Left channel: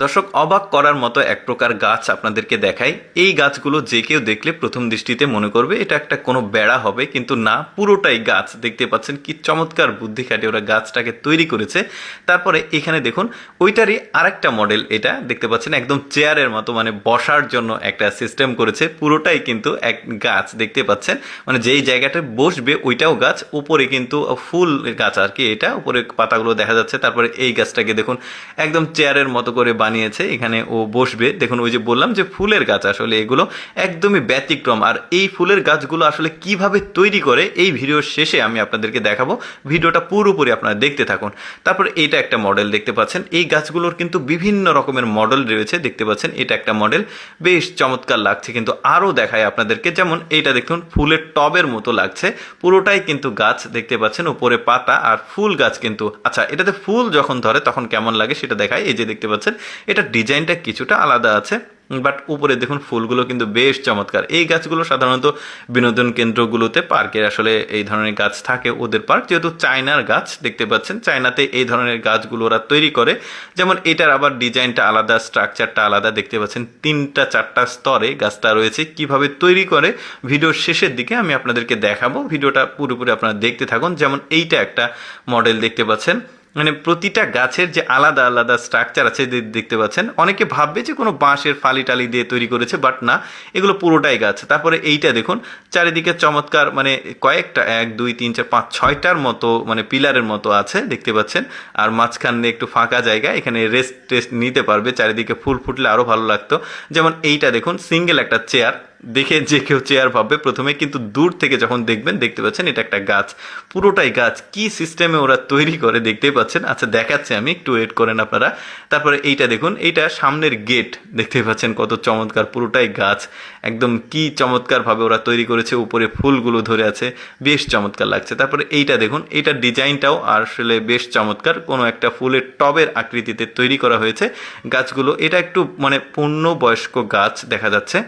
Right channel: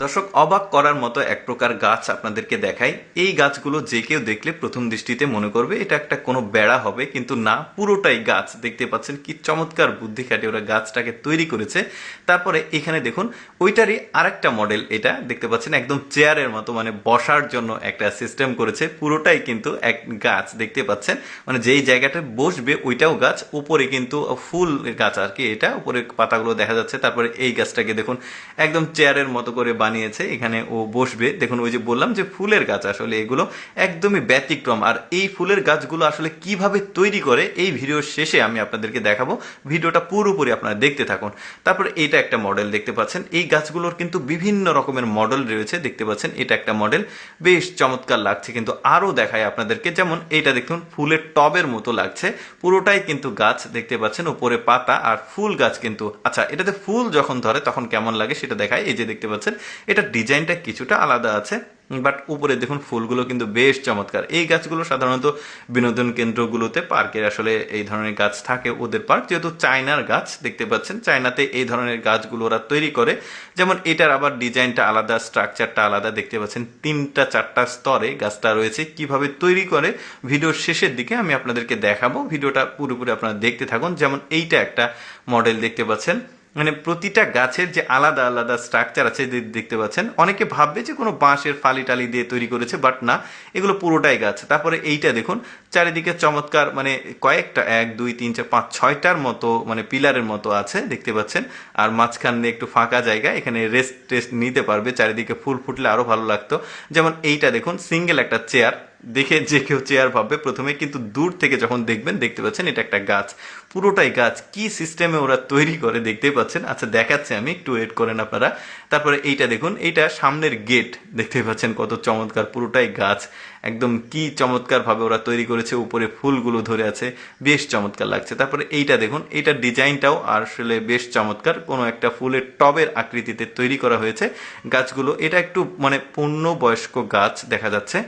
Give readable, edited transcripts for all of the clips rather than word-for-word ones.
দর্শক, অবাক করার মতো এক প্রকার গাছ আপনাদেরকে দেখাই। এই গাছগুলো যে কেউ দেখলে প্রথম দৃষ্টিতে মনে করবে এটা একটা কোনো বেড়া হবে, কিন্তু না, পুরোটাই গাছ। দেখতে পাচ্ছেন কি চমৎকার বুদ্ধি খাটিয়ে ওরা গাছটাকে তৈরি করেছে। তারপরে এখানে দেখুন ওইটারই আরেকটা মডেল, এটা দেখতে পাচ্ছেন একদম চেয়ারের মতো, মানে বসার জন্য একটা সিস্টেম করেছে। পুরোটাই কিন্তু এক গাছ দেখতে পাচ্ছেন, মানে যেই জায়গাটা বসবে ওইটাও গাছ, উপরে কিন্তু ফুল গাছ আর কি, এটা উপরে পাতাগুলো দেখা যাচ্ছে। তারপরে এই গাছটাকে দেখুন একদম চেয়ারের মতো করে বানিয়েছে, এখানে ও বসবে। দেখুন ওই যে বললাম যে ফুলের গাছ, আসলে এগুলো একদমই ব্যতিক্রম। আর এই ফুলের গাছগুলো আসলে কিভাবে তৈরি করে এই ভিডিওর শেষে আমি আপনাদেরকে দেখাবো, ভিডিওটা পুরোপুরি আপনারা দেখতে থাকুন। তারপরে এইটা একটা মডেল দেখতে পাচ্ছেন, এই গাছগুলোর কিন্তু বিভিন্ন রকমের মডেল রয়েছে দেখতে পাচ্ছেন। এটা একটা মডেল, বেশ চমৎকার লাগছে। কিন্তু আরও দেখায় আপনাদেরকে, যেমন এইটা দেখুন ফুলের টবের মতো লাগছে, পুরোটাই কিন্তু গাছ দেখতে পাচ্ছেন, উপরে পাতা আর ফুল গাছ কিন্তু। আচ্ছা, এটাতে ফুল যখন ধরে তখন কেমন লাগে সেটা দেখায়। এই যে দেখতে পাচ্ছেন এটা ডিজাইনটা কিছুটা আলাদা আছে, বাট উপরে দেখুন ফুলগুলো কিন্তু বেশ চমৎকার। এই গাছগুলো সাধারণত বিনোদন কেন্দ্রগুলোতে, পার্কের আসলে এই ধরনের গাছ থাকে ওদের পার্ক, যেহেতু চায়নার গাছ দেখতে পাচ্ছেন, চায়নাতে এই ধরনের গাছগুলো ওরা তৈরি করে। যেমন এটার আবার ডিজাইনটা আলাদা, স্ট্রাকচারটা আলাদা দেখতে পাচ্ছেন, 3-4টা স্তরে গাছটা রয়েছে। কিভাবে তৈরি করে ভিডিওর শেষের দিকে আমি আপনাদেরকে দেখাবো, ভিডিওটা পুরোপুরি আপনারা দেখতে থাকুন। যেমন এইটা একটা মডেল দেখতে পাচ্ছেন, মানে প্রতিটা গাছের যে আলাদা আলাদা স্ট্রাকচার আছে দেখতে পাচ্ছেন। অনেকে ভাববে যে কোনো বাঁশের ফালি টালি দিয়ে তৈরি করেছে, বাট না, এগুলো পুরোটাই গাছ। তারপরে এইটা দেখুন চারিদিকে চমৎকার, মানে কয়েকটা 1, 2, 3, 4, 5, 6টার মতো মানে পিলারের মতো আছে দেখতে পাচ্ছেন। আর মাঝখানে একটু ফাঁকা জায়গা, এখানে রেস্ট টেস্ট নিতে পারবে। চারিদিকে ফুল ফুটলে আরও ভালো লাগতো। যেমন এইটা দেখুন সিঙ্গেল একটা চেয়ার, দেখে যে কেউ চেয়ার ভাববে প্রথমে, কিন্তু দূর থেকে যখন দেখবেন দেখতে পাচ্ছেন এটা একটা গাছ, পুরোটাই গাছ। কি সিস্টেমে ওরা তৈরি করে দেখতেই পাচ্ছেন। আচ্ছা দেখাচ্ছে, আমি একটু ওয়েট করেন আপনারা। তারপরে এইটা দেখুন, এইটা সামনের গেট দেখতেই পাচ্ছেন কত চমৎকার, পুরোটাই গাছ একদম। কি চমৎকার ভাবে ওরা তৈরি করেছে, উপরে ফুলগুলো ধরে আছে, বেশ চমৎকার লাগছে। তারপরে এইটা দেখুন, এইটার ডিজাইনটাও আসলে বেশ চমৎকার, কোনো একটা ফুলের টবের আকৃতিতে তৈরি করা হয়েছে গাছগুলো। এটা একটু মানে পূর্ণবয়স্ক গাছ দেখা যাচ্ছে।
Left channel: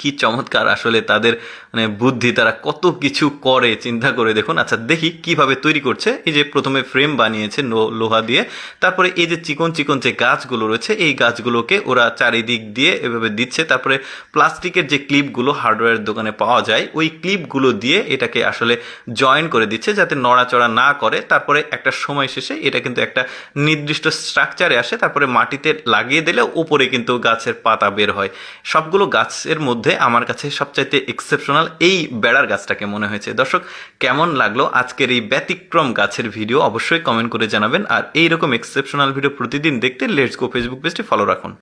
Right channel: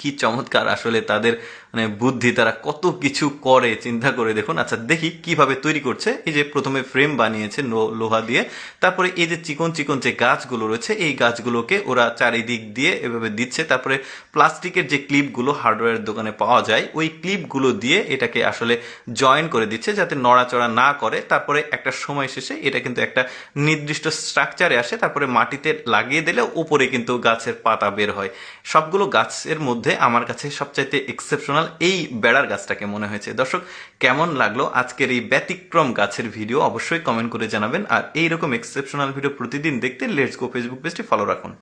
কি চমৎকার আসলে তাদের মানে বুদ্ধি, তারা কত কিছু করে চিন্তা করে দেখুন। আচ্ছা দেখি কিভাবে তৈরি করছে। এই যে প্রথমে ফ্রেম বানিয়েছে লোহা দিয়ে, তারপরে এই যে চিকন চিকন যে গাছগুলো রয়েছে এই গাছগুলোকে ওরা চারিদিক দিয়ে এভাবে দিচ্ছে। তারপরে প্লাস্টিকের যে ক্লিপগুলো হার্ডওয়্যার দোকানে পাওয়া যায়, ওই ক্লিপগুলো দিয়ে এটাকে আসলে জয়েন করে দিচ্ছে যাতে নড়াচড়া না করে। তারপরে একটা সময় শেষে এটা কিন্তু একটা নির্দিষ্ট স্ট্রাকচারে আসে, তারপরে মাটিতে লাগিয়ে দিলে উপরে কিন্তু গাছের পাতা বের হয়। সবগুলো গাছের মধ্যে আমার কাছে সবচাইতে এক্সেপশনাল এই বেড়ার গাছটাকে মনে হয়েছে। দর্শক, কেমন লাগলো আজকের এই ব্যতিক্রম গাছের ভিডিও অবশ্যই কমেন্ট করে জানাবেন। আর এইরকম এক্সেপশনাল ভিডিও প্রতিদিন দেখতে লেটস গো ফেসবুক পেজটি ফলো রাখুন।